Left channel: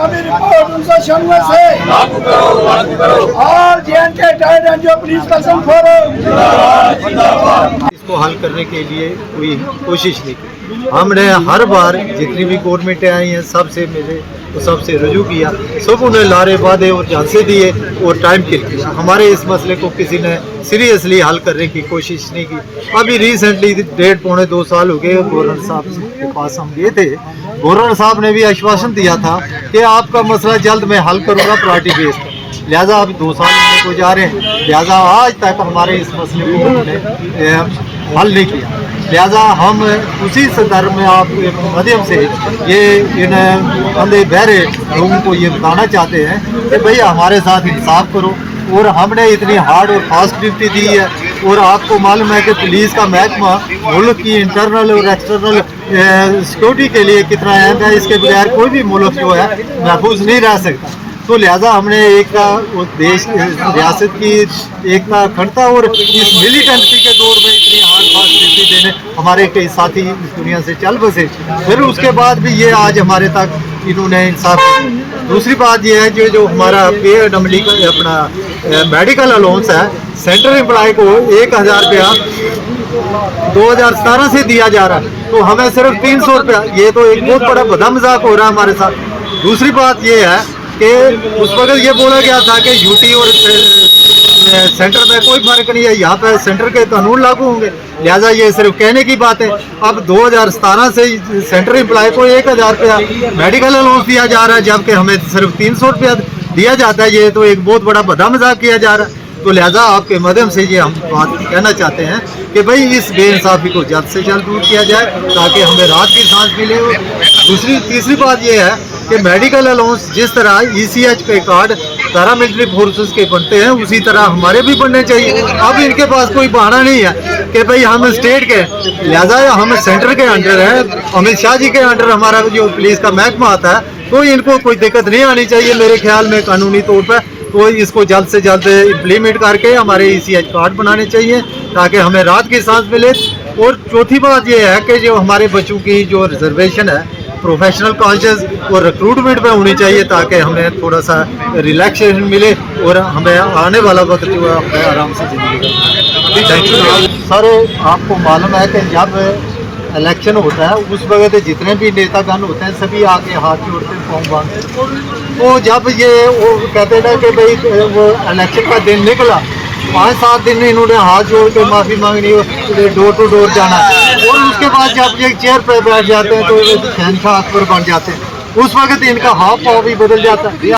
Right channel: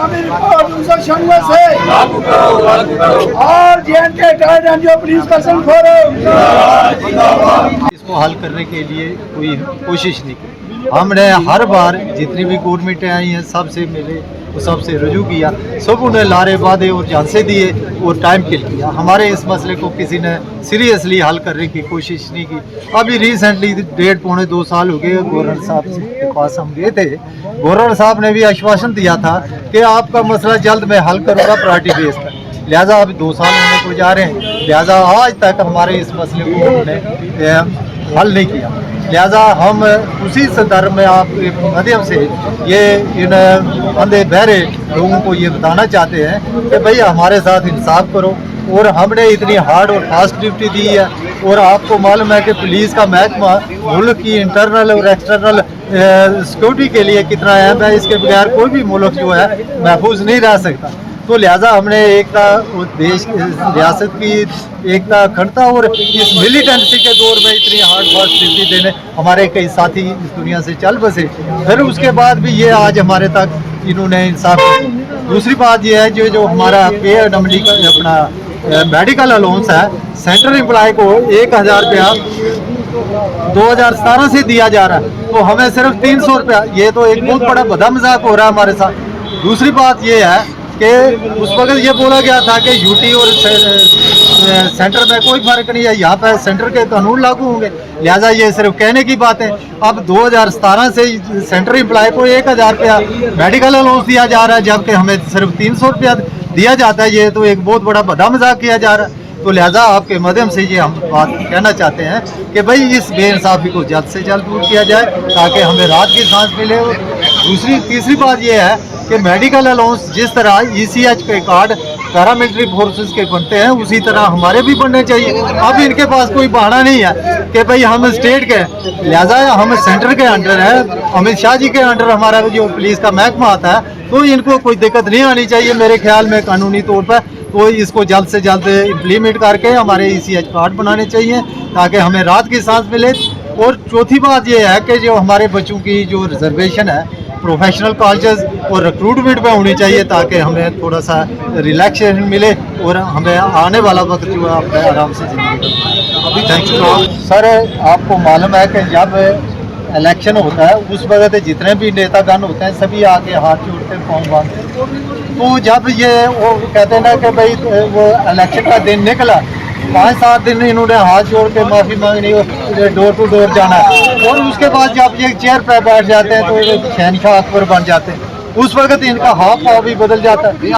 नामी रिपोर्ट 1996 से और JNK retired NGO police person forum इसको हल करने के लिए कोई कोशिश नहीं की। हमने हर बार जितनी भी गवर्नमेंटें आई हैं सबसे मिले तो सबसे रजू किया, सब उन्हें लारे वादे और झांसे दिए और टाइम किल किया। हमारे इस मसले को किसी ने सीरियसली हल करने की कोशिश नहीं की। अभी रिसेंटली 1.5-2 साल हो गए गवर्नर साहब के पास हम गए थे। गवर्नर साहब ने भी आश्वासन दिया था कि आपका मसला जल्द मैं हल करूँगा पार्टी बेस पर। लिहाजा अभी 2 साल होने को जा रहे हैं, लिहाजा आज तक हमारे इस मसले को उन्होंने हल नहीं किया। लिहाजा हम उसी संदर्भ में आपके माध्यम से ये इन अंधे बहरे लोगों को ये बताना चाहते हैं कि भाई हमारे साथ इंसाफ करो। और हमने इतनी हार्ड और फास्ट ड्यूटी दी है और आपको मालूम है कि पुलिस का महकमा मुल्क की इंटरनल और एक्सटर्नल सिक्योरिटी के लिए कितना अहम है। इसके बगैर कोई भी मुल्क जो है महफूज नहीं रह सकता। तो लिहाजा हमने एकता देश रियासत की एकता अखंडता और इस मिलिटेंसी के दौर में इतनी हार्ड फास्ट ड्यूटी देने हमारे कई साथी इस दुनिया से चल बसे, फिर उसके बाद भी ये आज हमारे तक इन्होंने इंसाफ। दूसरी बात ये है जो हमारा पे नमली अपना मेडिकल अलाउंस है, सेंट्रल एम्प्लॉय को 1000 रुपया 2017 से दिया जा रहा है, तो हमें सिर्फ 300 रुपया। ये तो एक बहुत बड़ा बड़ा मजाक हो रहा है हमारे साथ। दूसरी बात ये है कि उस वक्त ये बोला गया था कि यूटी और सेंटर में कोई फर्क नहीं है, यहाँ पर सेंटर के कानून लागू होंगे, लिहाजा ये सिर्फ कहने की बात है। अब 2017 से सेंटर एम्प्लॉय को 1000 रुपया मेडिकल अलाउंस दिया जा रहा है, जबकि हमें सिर्फ 300 रुपया दिया जाता है। ये तो एक बहुत बड़ा बड़ा मजाक किया जा रहा है। तो लिहाजा आपके माध्यम से ये हम बात कहना चाहते हैं कि भाई इस बेइंसाफी को जल्द से जल्द दूर किया जाए ताकि हमें राहत की सांस मिले। तीसरी बात ये है कि मेडिकल अलाउंस जिस तरह ECH पे कार्ड पैरामिलिट्री फोर्सेस के बनते हैं उसी तरह हमारे भी बनने चाहिए। अब इनके पास कोई बहाना नहीं है कि भाई हम स्टेट के, लिहाजा हम सेंटर के अंडर है, अमित शाह जी के अंडर हमारा जो पुलिस का महकमा आता है, तो इनको कोई दिक्कत नहीं आनी चाहिए मेरे ख्याल में कानूनी तौर पर। तो इसको जल्द से जल्द इम्प्लीमेंट करके हमारे ECH कार्ड बनाने चाहिए ताकि हमें राहत की सांस मिले। और चौथी बात यह है कि जो हमारे बच्चों की जो रिजर्वेशन है प्रोफेशनल कॉलेजेस और रिक्रूटमेंट में होनी चाहिए ताकि हमें थोड़ा सा रिलैक्सेशन मिले और हमें आने वाला वक्त जो है अपने आराम से जिंदगी। Thank you sir. आपको मालूम है कि जब इलेक्शन होता है उस वक्त जितने भी नेतागण होते हैं सभी आके हाथ जोड़ते हैं, पाँव बांधते। तो जब ये वो कहते हैं ना कि भाई वो इलेक्शन का दिन निकला, 5-7 दिन इन्होंने हाथ जोड़ के माफ़ी मांगनी, डोर टू डोर जाना, और उसके बाद जब ये चेयर पर बैठ जाते हैं तो शहनशाह अकबर बन जाते हैं। उस वक्त इनका हाथ पाँव भी बदल जाता है।